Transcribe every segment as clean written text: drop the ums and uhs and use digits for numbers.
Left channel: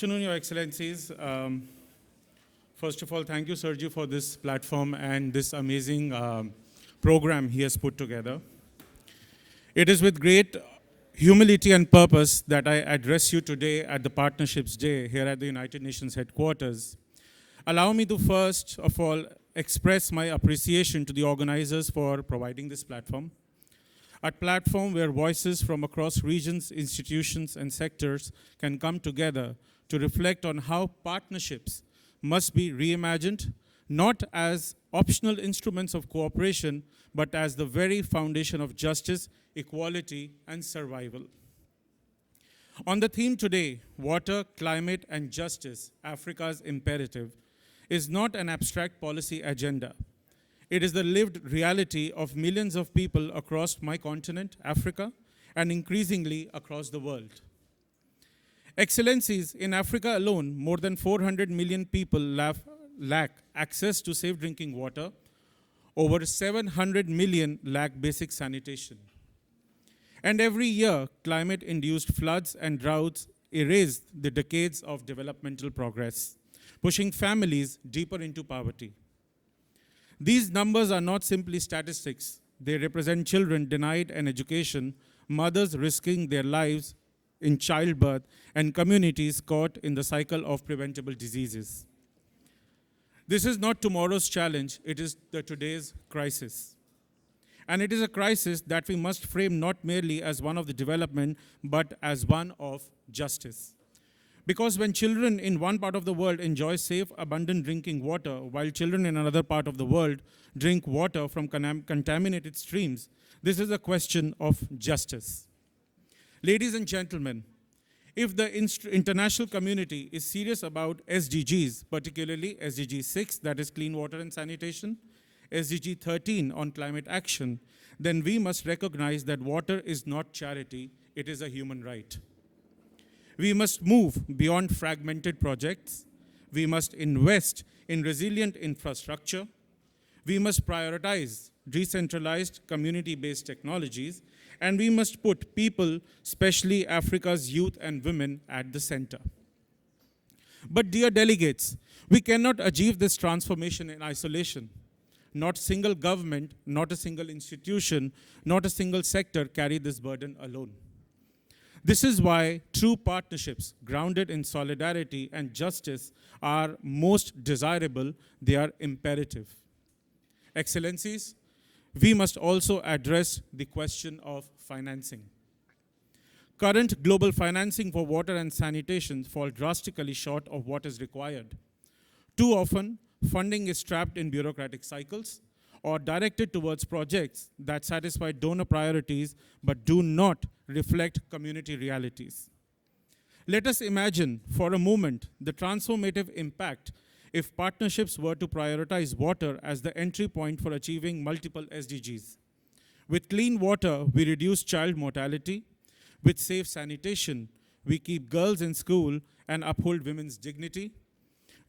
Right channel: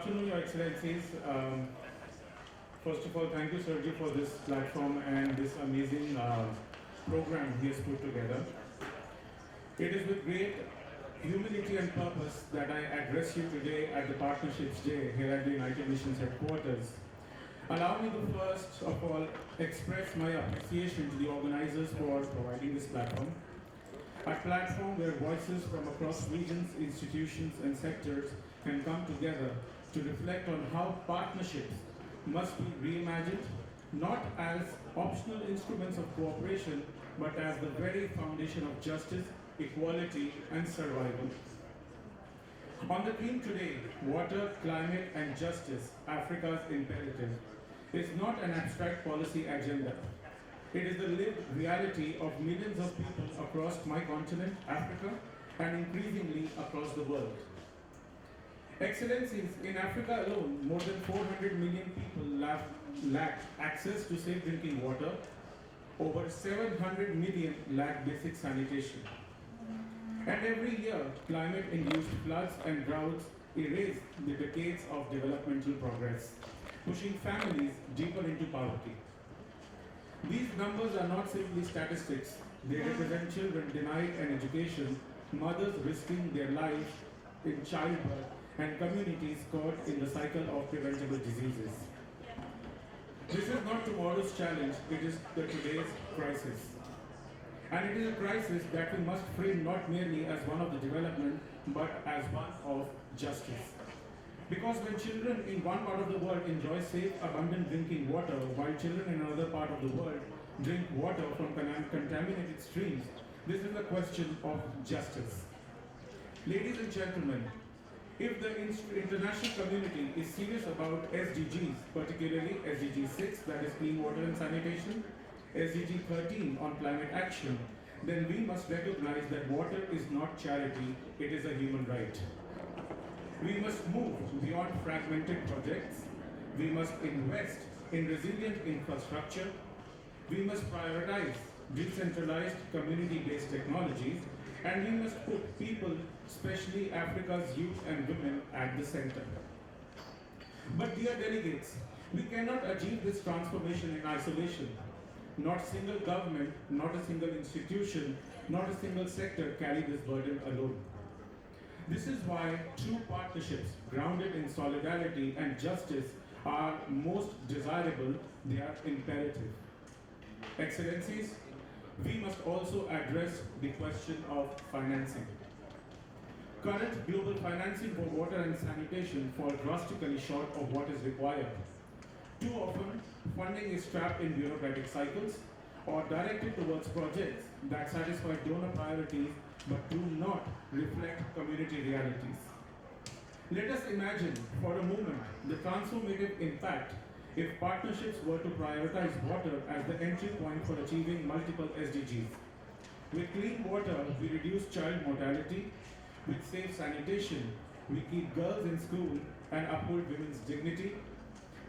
afternoon, Your Excellencies. First of all, thank you, Sergio, for this platform and this amazing program he has put together. It is with great humility and purpose that I address you today at the Partnerships Day here at the United Nations headquarters. Allow me to first of all express my appreciation to the organizers for providing this platform. A platform where voices from across regions, institutions, and sectors can come together to reflect on how partnerships must be reimagined, not as optional instruments of cooperation, but as the very foundation of justice, equality, and survival. On the theme today, water, climate, and justice, Africa's imperative, is not an abstract policy agenda. It is the lived reality of millions of people across my continent, Africa, and increasingly across the world. Excellencies, in Africa alone, more than 400 million people lack access to safe drinking water. Over 700 million lack basic sanitation. And every year, climate induced floods and droughts erase the decades of developmental progress, pushing families deeper into poverty. These numbers are not simply statistics, they represent children denied an education, mothers risking their lives in childbirth, and communities caught in the cycle of preventable diseases. This is not tomorrow's challenge, it is the today's crisis. And it is a crisis that we must frame not merely as one of the development, but as one of justice. Because when children in one part of the world enjoy safe, abundant drinking water, while children in another part of the world drink water from contaminated streams, this is a question of justice. Ladies and gentlemen, if the international community is serious about SDGs, particularly SDG 6, that is clean water and sanitation, SDG 13 on climate action, then we must recognize that water is not charity, it is a human right. We must move beyond fragmented projects. We must invest in resilient infrastructure. We must prioritize decentralized community-based technologies. And we must put people, especially Africa's youth and women, at the center. But dear delegates, we cannot achieve this transformation in isolation. Not a single government, not a single institution, not a single sector carry this burden alone. This is why true partnerships grounded in solidarity and justice are most desirable, they are imperative. Excellencies, we must also address the question of financing. Current global financing for water and sanitation fall drastically short of what is required. Too often, funding is trapped in bureaucratic cycles or directed towards projects that satisfy donor priorities but do not reflect community realities. Let us imagine for a moment the transformative impact if partnerships were to prioritize water as the entry point for achieving multiple SDGs. With clean water, we reduce child mortality. With safe sanitation, we keep girls in school and uphold women's dignity.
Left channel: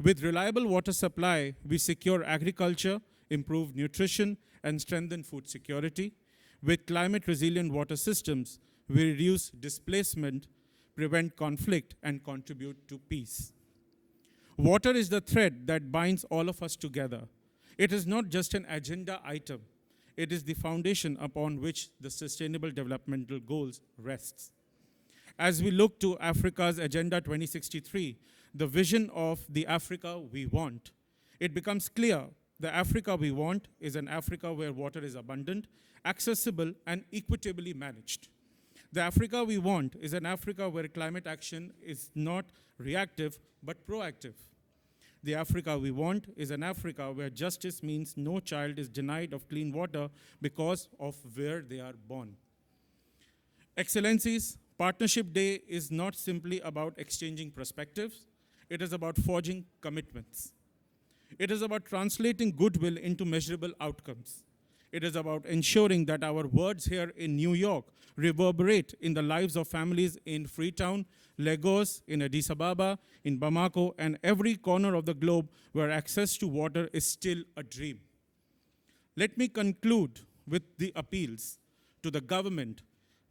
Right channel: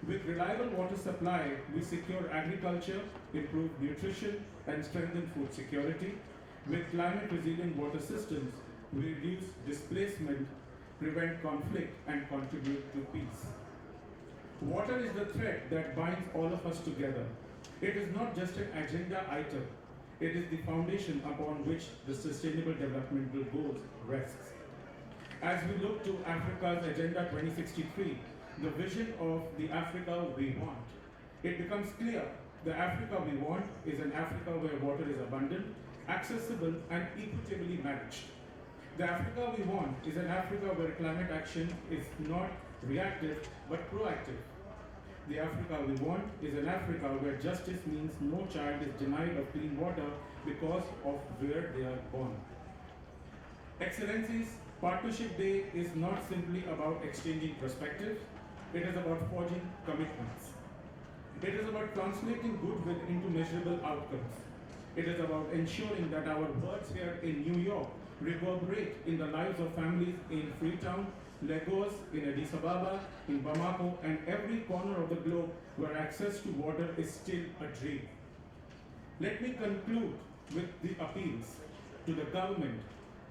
With reliable water supply, we secure agriculture, improve nutrition, and strengthen food security. With climate-resilient water systems, we reduce displacement, prevent conflict, and contribute to peace. Water is the thread that binds all of us together. It is not just an agenda item. It is the foundation upon which the Sustainable Developmental Goals rests. As we look to Africa's Agenda 2063, the vision of the Africa we want, it becomes clear the Africa we want is an Africa where water is abundant, accessible, and equitably managed. The Africa we want is an Africa where climate action is not reactive but proactive. The Africa we want is an Africa where justice means no child is denied of clean water because of where they are born. Excellencies, Partnership Day is not simply about exchanging perspectives, it is about forging commitments. It is about translating goodwill into measurable outcomes. It is about ensuring that our words here in New York reverberate in the lives of families in Freetown, Lagos, in Addis Ababa, in Bamako, and every corner of the globe where access to water is still a dream. Let me conclude with the appeals to the government.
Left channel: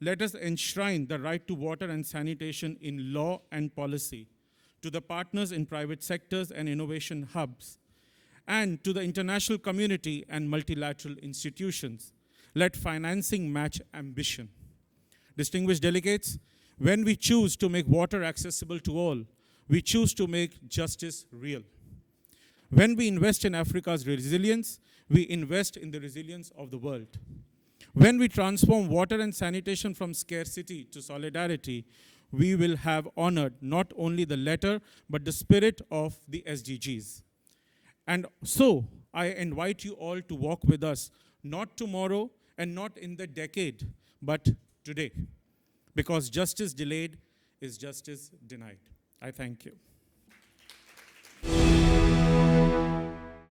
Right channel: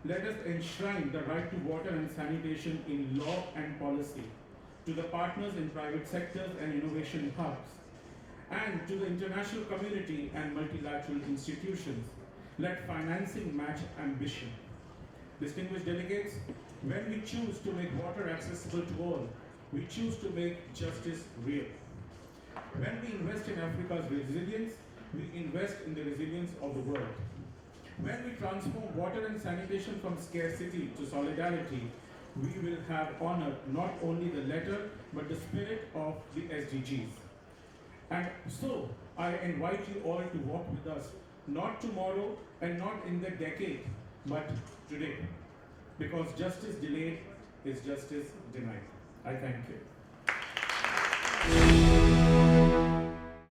Let us enshrine the right to water and sanitation in law and policy. to the partners in private sectors and innovation hubs, and to the international community and multilateral institutions. Let financing match ambition. Distinguished delegates, when we choose to make water accessible to all, we choose to make justice real. When we invest in Africa's resilience, we invest in the resilience of the world. When we transform water and sanitation from scarcity to solidarity, we will have honored not only the letter, but the spirit of the SDGs. And so, I invite you all to walk with us, not tomorrow and not in the decade, but today. Because justice delayed is justice denied. I thank you.